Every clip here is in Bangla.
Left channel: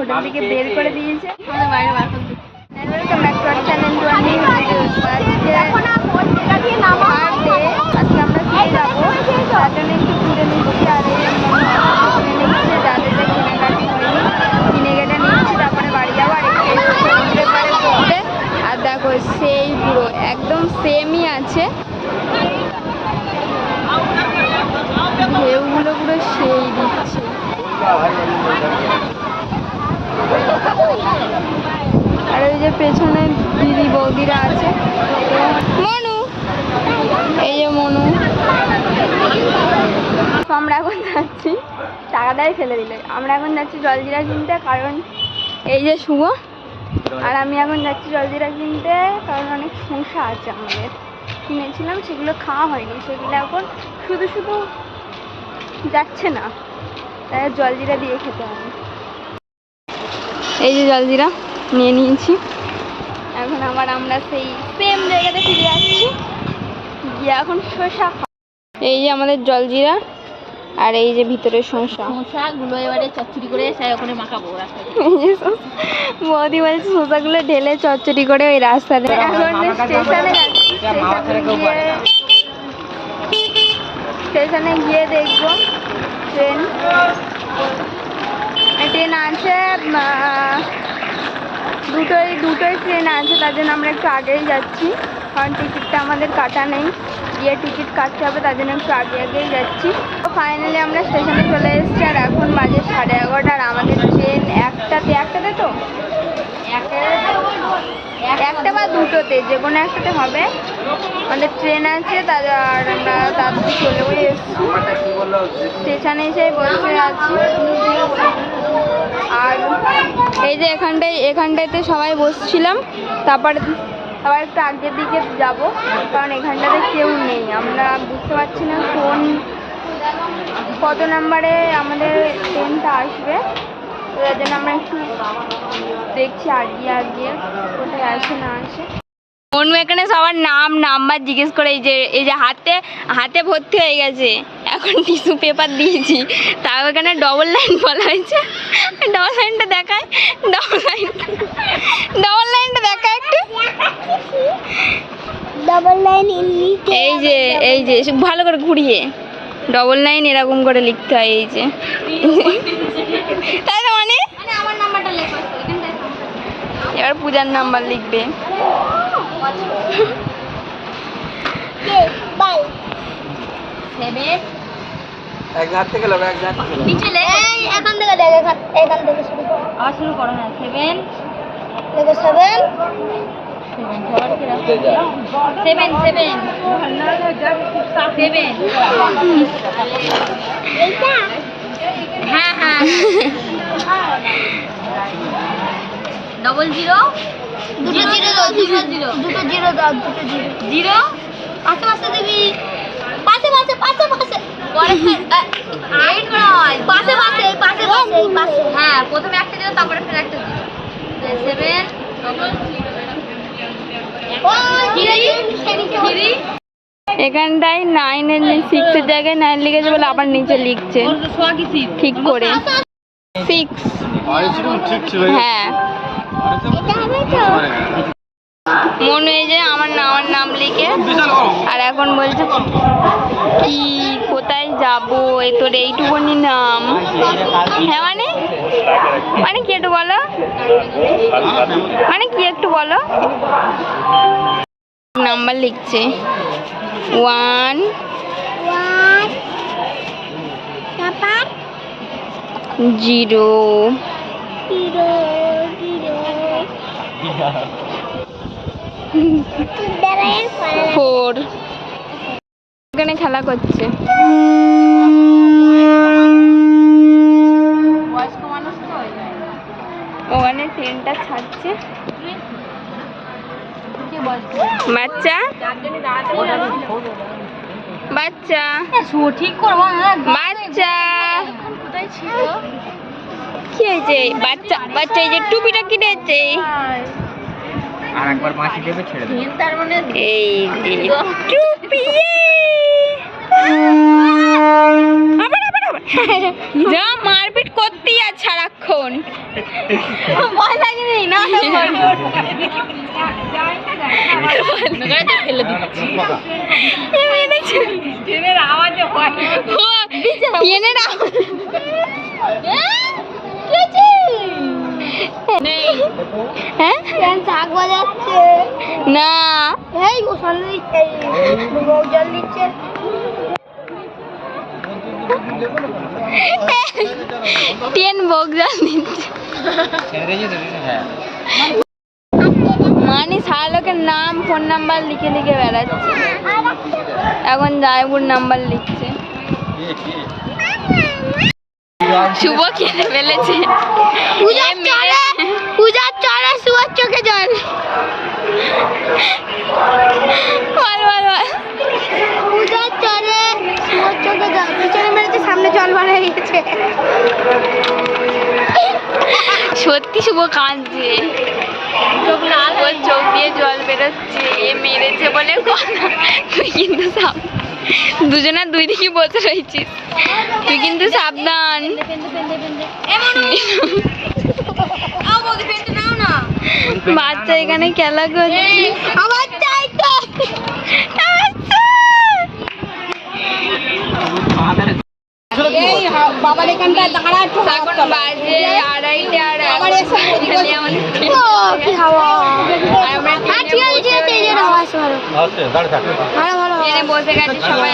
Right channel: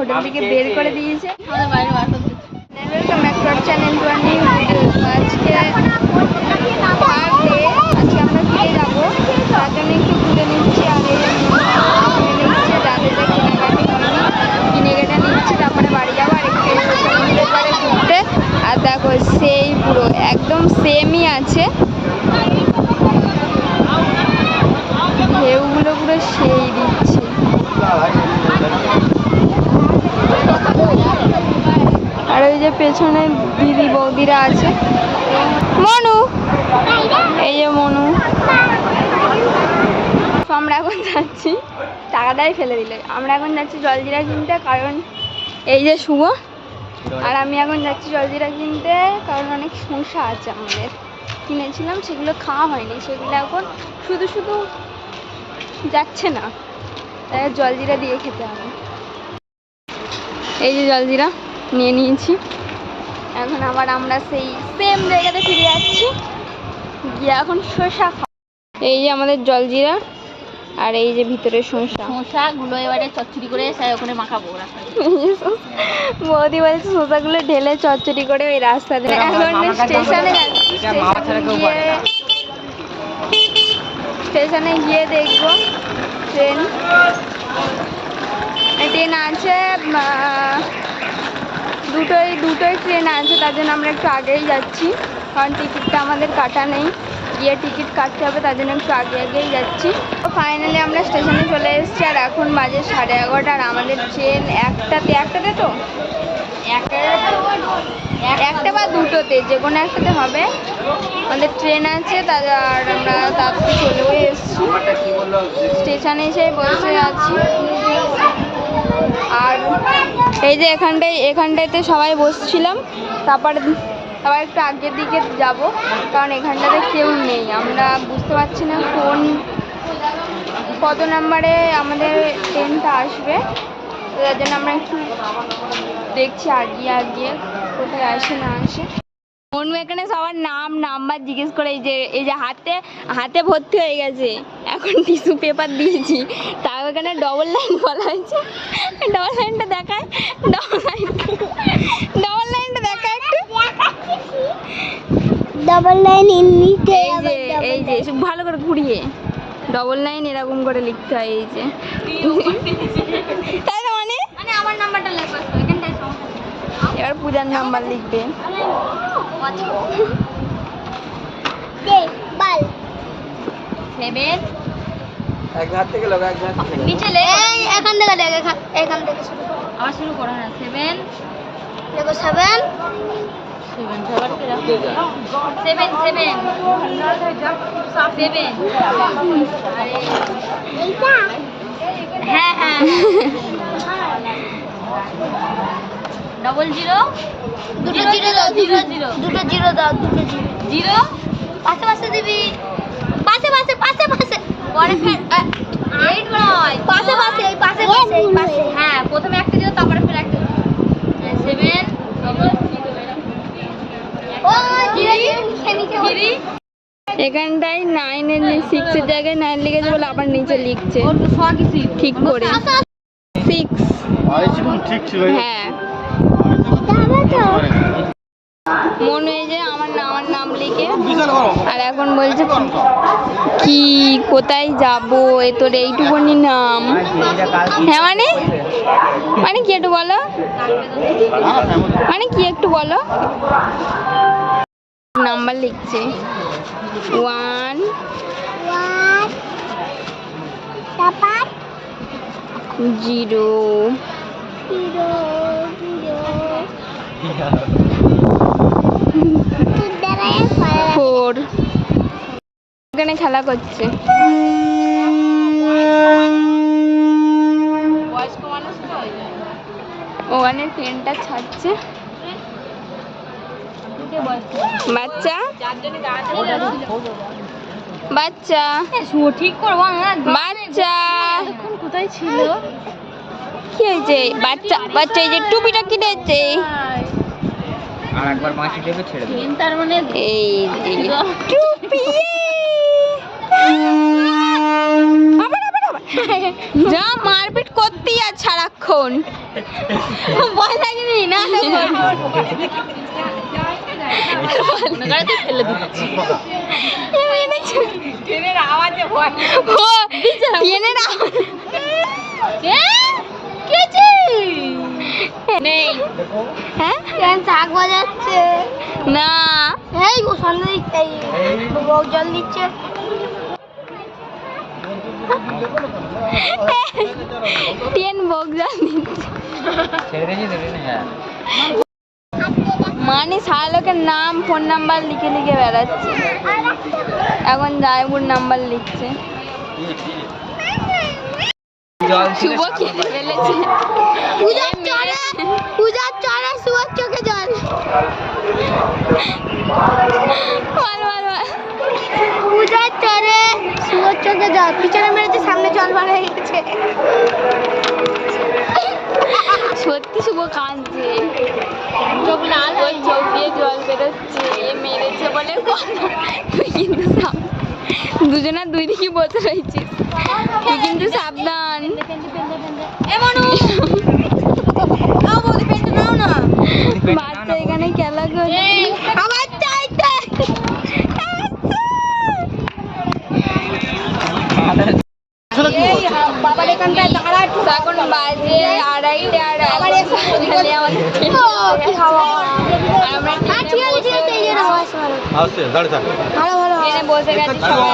হোটেল থেকে বের করে দিয়েছে, আমাদের বাইরে বার করতে। Welcome back to our channel, to our new video. আজকে থার্ড ডে, আজকে আমরা ফিরে যাবো, তার জন্য একটু ঘুরে নিচ্ছি। আর এই কিনে নিচ্ছে, যাদের যা কেনাকাটি হয়নি কিনে কেটে নিচ্ছি, তারপরে বাড়ি যাবো। আর একটু সমুদ্রের পাড়ে ঘুরতে। আর দেখো সেই পুরো একদম সেমই আছে, ঢেউগুলো পুরো সেই দিচ্ছে। আর এই যে পেছনে দিদি বৌদিরা আছে, মনু, এই যে মনু। আমরা এখন যাচ্ছি, টাকাটাই ফেলে দিলে। আমরা এখন যাচ্ছি জলজিরা কিনতে, কারণ এই যে শুভ আর আমি এখন যাচ্ছি জলজিরা কিনতে, কারণ অনেক সমস্যা আছে আমাদের। কিনেছিলাম, সেগুলো খাওয়া হয়নি, সেগুলো এখন শুধু শুধু যাচ্ছে না, তাই জলজিরা দিয়ে খেতে হবে। এই যে জলজিরা নিয়ে নিয়েছি, এখন আবার আমরা সেই সেম জায়গাতে ফিরে যাচ্ছি, গিয়ে এখন শসা খাওয়া। এই যে আমাদের জলজিরা, আর এই যে ভিতরে শসাগুলো এবারে চচ্চড়ি করে ওখানে মাখাবো। বৌদি বলছে শসাগুলো ঢেলে চচ্চড়ি করে ওই রাস্তাতে। এখন স্টেশনে যাচ্ছি, স্টেশনে গিয়ে দেখবো ট্রেন আছে, দুটোই ট্রেন আছে, তার জন্য আমরা একটু আগেই যাচ্ছি, কারণ টিকিটটা আমাদের কাটা নেই, গিয়ে টিকিট কাটতে হবে, তার জন্য একটু আগেই যাচ্ছি। তো ফাইনালি আমরা স্টেশনে চলে এসেছি, আর এখন বাজে 11:30। আর আমাদের ট্রেন একটাতে তো একটা বা দুটোতে, যে কোনো একটাতে হবে, আমাদের ট্রেন আছে। আর আমরা তাড়াতাড়ি চলেও এসেছি, স্টেশনে এসে বসে আছি। আর এই যে এখানটাতে সবাই বসছিলাম, তারপর আবার একটু আগের দিকে যাব, কারণ এখানটাতে কেউ নেই। আমরা বুঝতে পারছি না কত নাম্বারে আমাদের ট্রেনটা আসবে, তো তার জন্য আমরা একটু দেখছি আগিয়ে কোথায় আসে না আসে। মনু এখানে সবার নাম্বার জিজ্ঞেস করে, এই যে হাতে ভর্তি হয়ে গেছে, এখন টিস্যু পেপার দিয়েছি, তাও এখানে ডবল লাইন বলা হয়েছে। ডবল লাইনটা দেখায়, ডবল লাইনটা দেখায় একটু। ডবল লাইন এই যে ভালো করে ঘুরিয়ে ডবল লাইন এরকম করে লিখতে হয়, এই যে। তাই না, মানে আমার নাম্বারটা লেখা, এবার পূজার নাম্বার লিখবে। শুরু করো, হ্যাঁ, 7 হ্যাঁ হ্যাঁ 00 পাশে দিবি, পাশে হ্যাঁ, প্রথমে একটা দিল, তারপরে ফের একটা দিল। 7 এখানটায় 6 এর জায়গায় 9 লিখেছে বলে আবার নিচে লিখছে ঠিক করে 6। হ্যাঁ, মনে হয় যে আমার নাম লিখে, আর এখন বলছে কি কোথায় যাবো, তোর এইটুকুনি নাম। হ্যাঁ, মানে কি একটু বলো, একটু বলো। নাম্বার লিখছে 1 0 4। এখানে খেলা করছে, ওখানে ট্রেনটা ছাড়ছে। বাচ্চা ঠিক করবো, বাচ্চা কোথায় ছিল, কি হয়েছে? বাচ্চা এই যে টুপিটা কিনেছে, আর একবার মাসি দেবে ছেড়ে দেবে, তার মানে এই যে টুপি। আবার যা মারপিট করতেই আর সারাক্ষণ ভয় লাগেনি না শাক বাজাচ্ছে না এই জল দিচ্ছে ট্রেন বক জল দিচ্ছে মানে সারা লোকের নাম ফোন নাম্বার লিখে লিখে বেড়াচ্ছে এখন জায়পুর নাম্বার লিখছে শুভ খেলে ফেলেছে পূজার চড়া শুয়ার চোখে জল বল বল বল পূজার চড়ে শুয়ার চোখে জল পিছনে মেরেছে সামনে জল বার হয়ে গেছে সত্যি শুভ কাঁদছে ওর চোখ দিয়ে জল বেরোচ্ছে এ মেরেছে বলে কথা তুই কিন্তু দুজনের দুই দিকে বসে রয়েছিস তুই কিন্তু সাবধান বাচ্চা এখানে খেলা করছে এখন বাজে 2:30 আর এখানে আমাদের বসে গেছে সবাই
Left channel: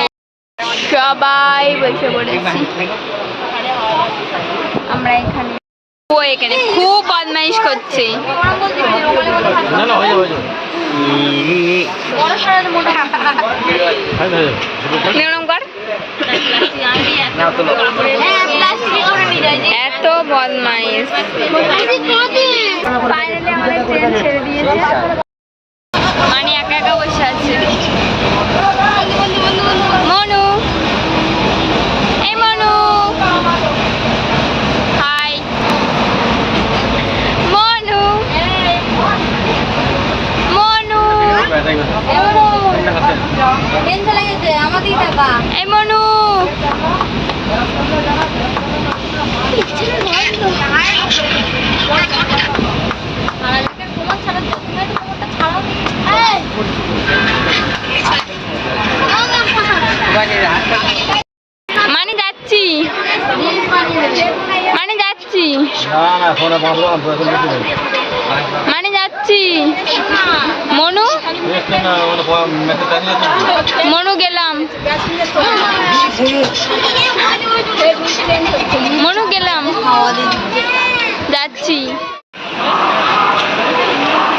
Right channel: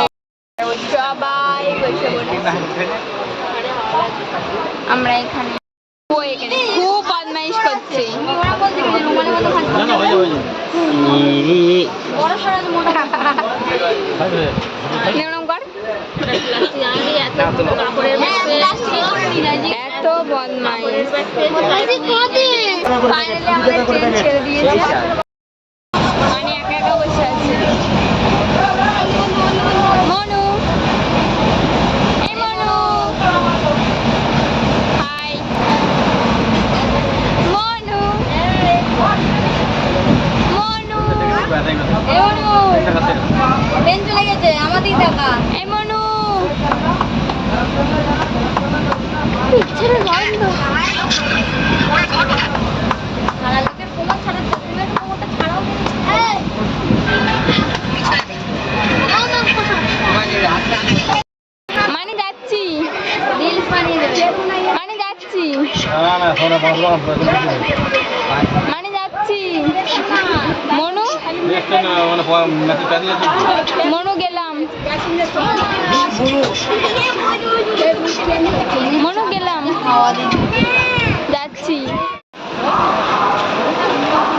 সবাই বসে পড়েছি আমরা এখানে ও এখানে খুব বদমাইশ করছে এত বদমাইশ ফাইনালি আমাদের ট্রেন ছেড়ে দিয়েছে মানে একা একা বসে আছে মনু এই মনু হাই মনু মনু এই মনু ট্রেন চলে গেছে আমাদের টাকা এই মনু মানে যাচ্ছি মানে যাচ্ছি মানে যাচ্ছি মনু মনু গেলাম মনু গেলাম যাচ্ছি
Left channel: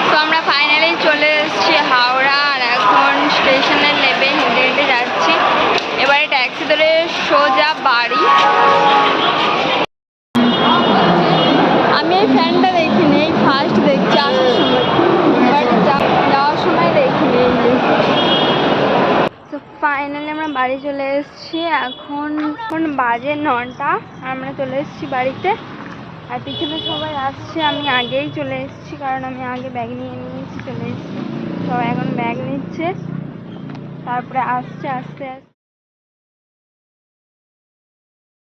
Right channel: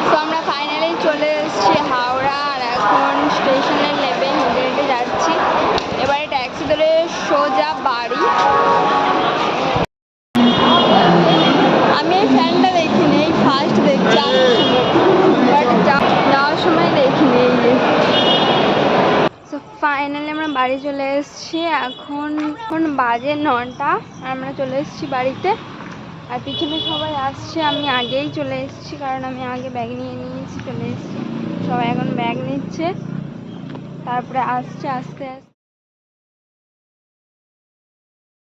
তো আমরা ফাইনালি চলে এসেছি হাওড়া আর এখন স্টেশনে নেমে হেঁটে হেঁটে যাচ্ছি এবারে ট্যাক্সি ধরে সোজা বাড়ি আমি এই ফ্যানটা দেখিনি এই ফার্স্ট দেখছি আসার সময় বাট যাওয়ার সময় দেখিনি এই যে তো ফাইনালি আমরা বাড়ি চলে এসেছি এখন বাজে 9টা আমরা চলে এসেছি বাড়িতে আর পিছনে সবাই আসছে আমি আগেই চলে এসেছি কারণ আমি আগে ব্যাগ নিয়ে নিয়েছি চলে এসেছি সবাই এখন ব্যাগ নিচ্ছে তারপরে আসছে আস্তে আস্তে